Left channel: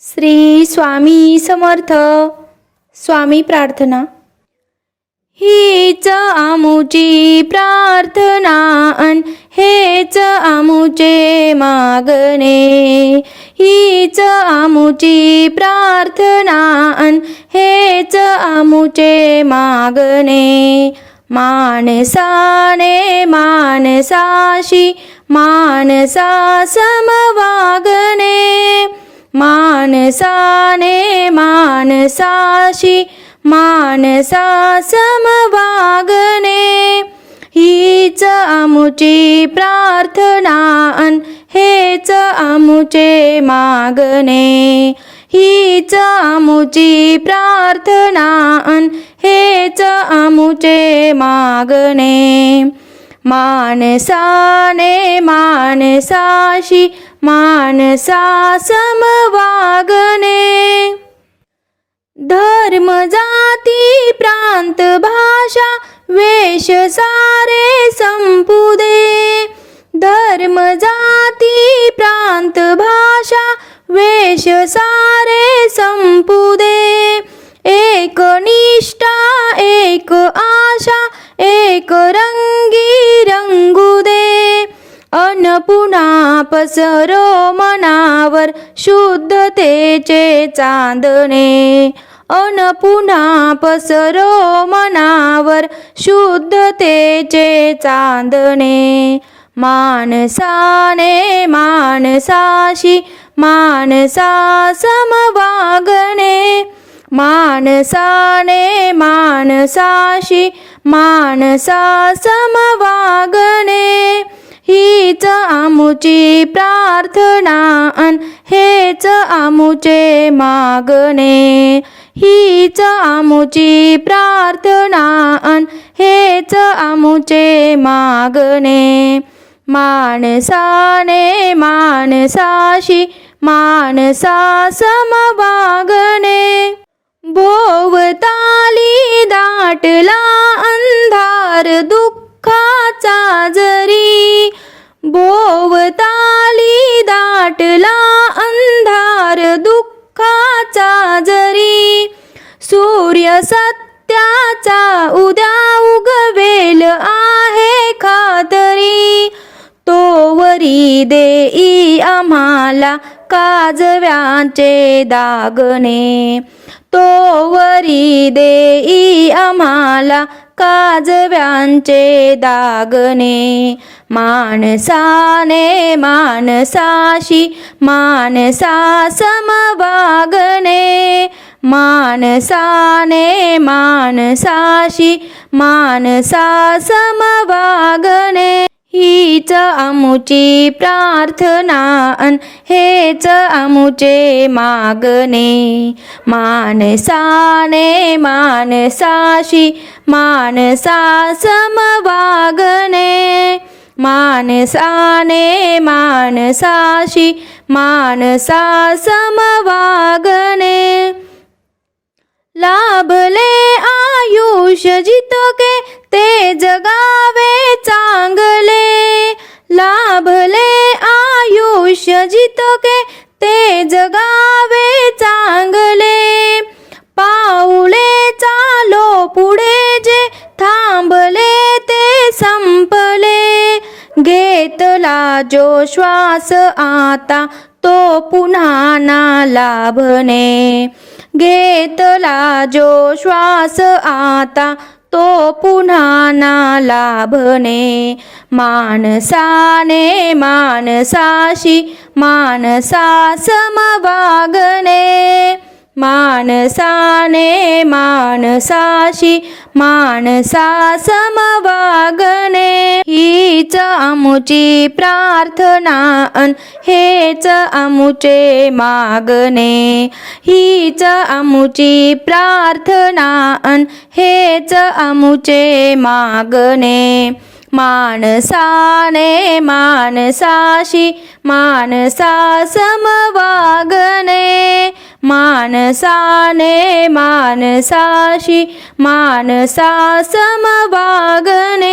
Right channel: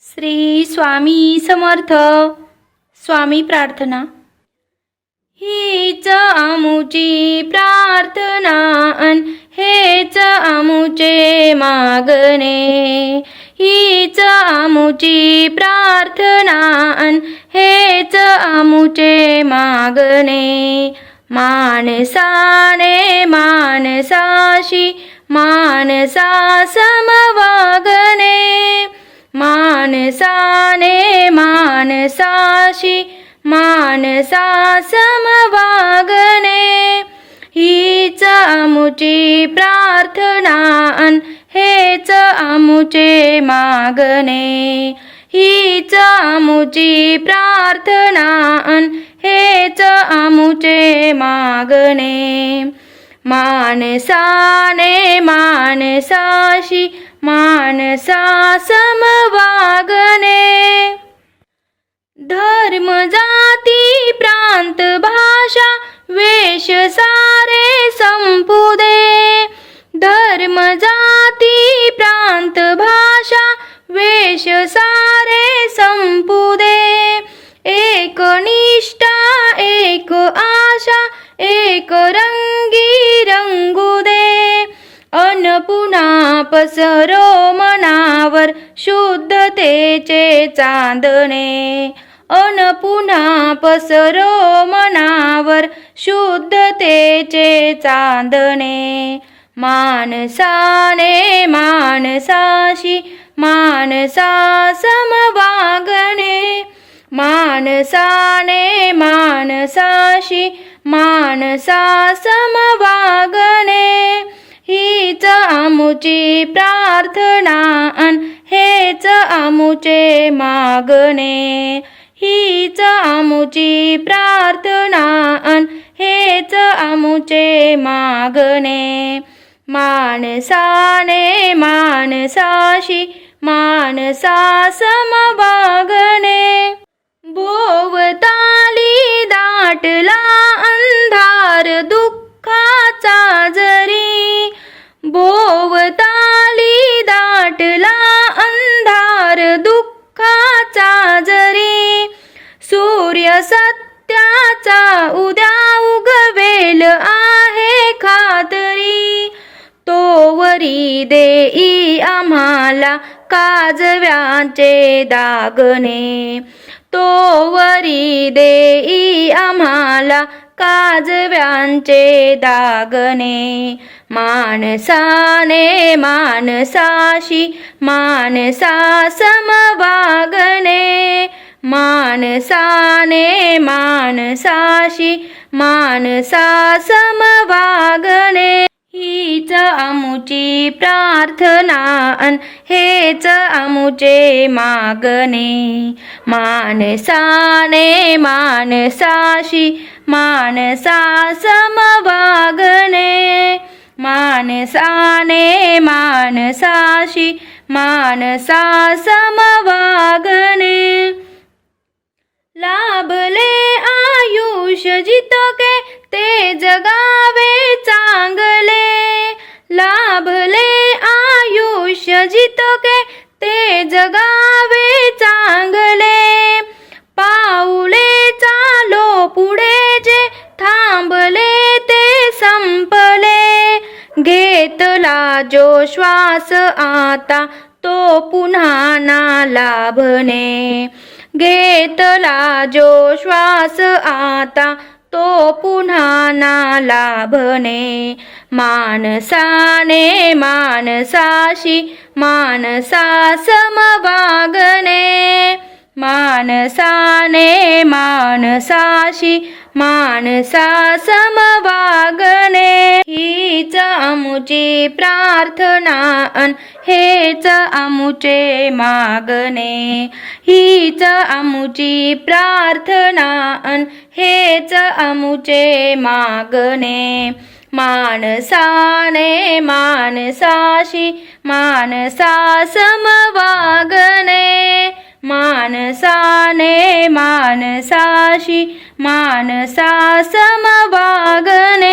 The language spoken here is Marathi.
श्री स्वामी समर्थ. स्वामी प्रार्थना. हीच आमुची प्रार्थना अन हेच आमुचे मागणे. हीच आमुची प्रार्थना अन हेच आमुचे मागणे. माणसाने माणसाशी माणसा समवागणे. माणसाने माणसाशी माणसा समवागणे हीच आमुची प्रार्थना अन हेच आमुचे मागणे. हीच आमुची प्रार्थना अन हेच आमुचे मागणे. माणसाने माणसाशी माणसा समवागणे धर्म जाती प्रांत भाषा वेश सारे संपुदे। धर्म जाती प्रांत भाषा वेश सारे संपुदे। एक निष्ठा एक आशा एक रंगी रंगू। पसरो मनावर शुद्धतेचे चांदणे. अन पुन्हा पसरो मनावर शुद्धतेचे चांदणे. माणसाने माणसाशी माणसा समवागणे माणसाने माणसाशी माणसा समवागणे हीच आमुची प्रार्थना अन हेच आमुचे मागणे. हीच आमुची प्रार्थना अन हेच आमुचे मागणे. माणसाने माणसाशी माणसा समवागणे भोवताली दाटला अंधार दू सत्याचा उद्या उगवेल आहे खातरी. तोवरी देई आम्हाला काजव्याचे दागणे. तोवरी देई आम्हाला काजव्यांचे दागणे. माणसाने माणसाशी माणसा समवागणे माणसाने माणसाशी माणसा समवागणे. हीच आमुची प्रार्थना अन हेच आमुचे मागणे. माणसाने माणसाशी माणसा समवागणे. माणसाने माणसाशी माणसा समवागणे. जितके ते जगावे चांगले लाभले आयुष्य जितके ते जगावे चांगले. पाऊले चालो पुढे जे थांबले ते संपले. घेतला जो श्वास आता तो पुन्हा ना लाभणे घेतला जो श्वास आता तो पुन्हा ना लाभणे माणसाने माणसाशी माणसा समवागणे माणसाने माणसाशी माणसा समवागणे. हीच आमुची प्रार्थना अन हेच आमुचे मागणे. हीच आमुची प्रार्थना अन हेच आमुचे मागणे. माणसाने माणसाशी माणसा समवागणे. मानसाने मानसाशी मानसा समवागने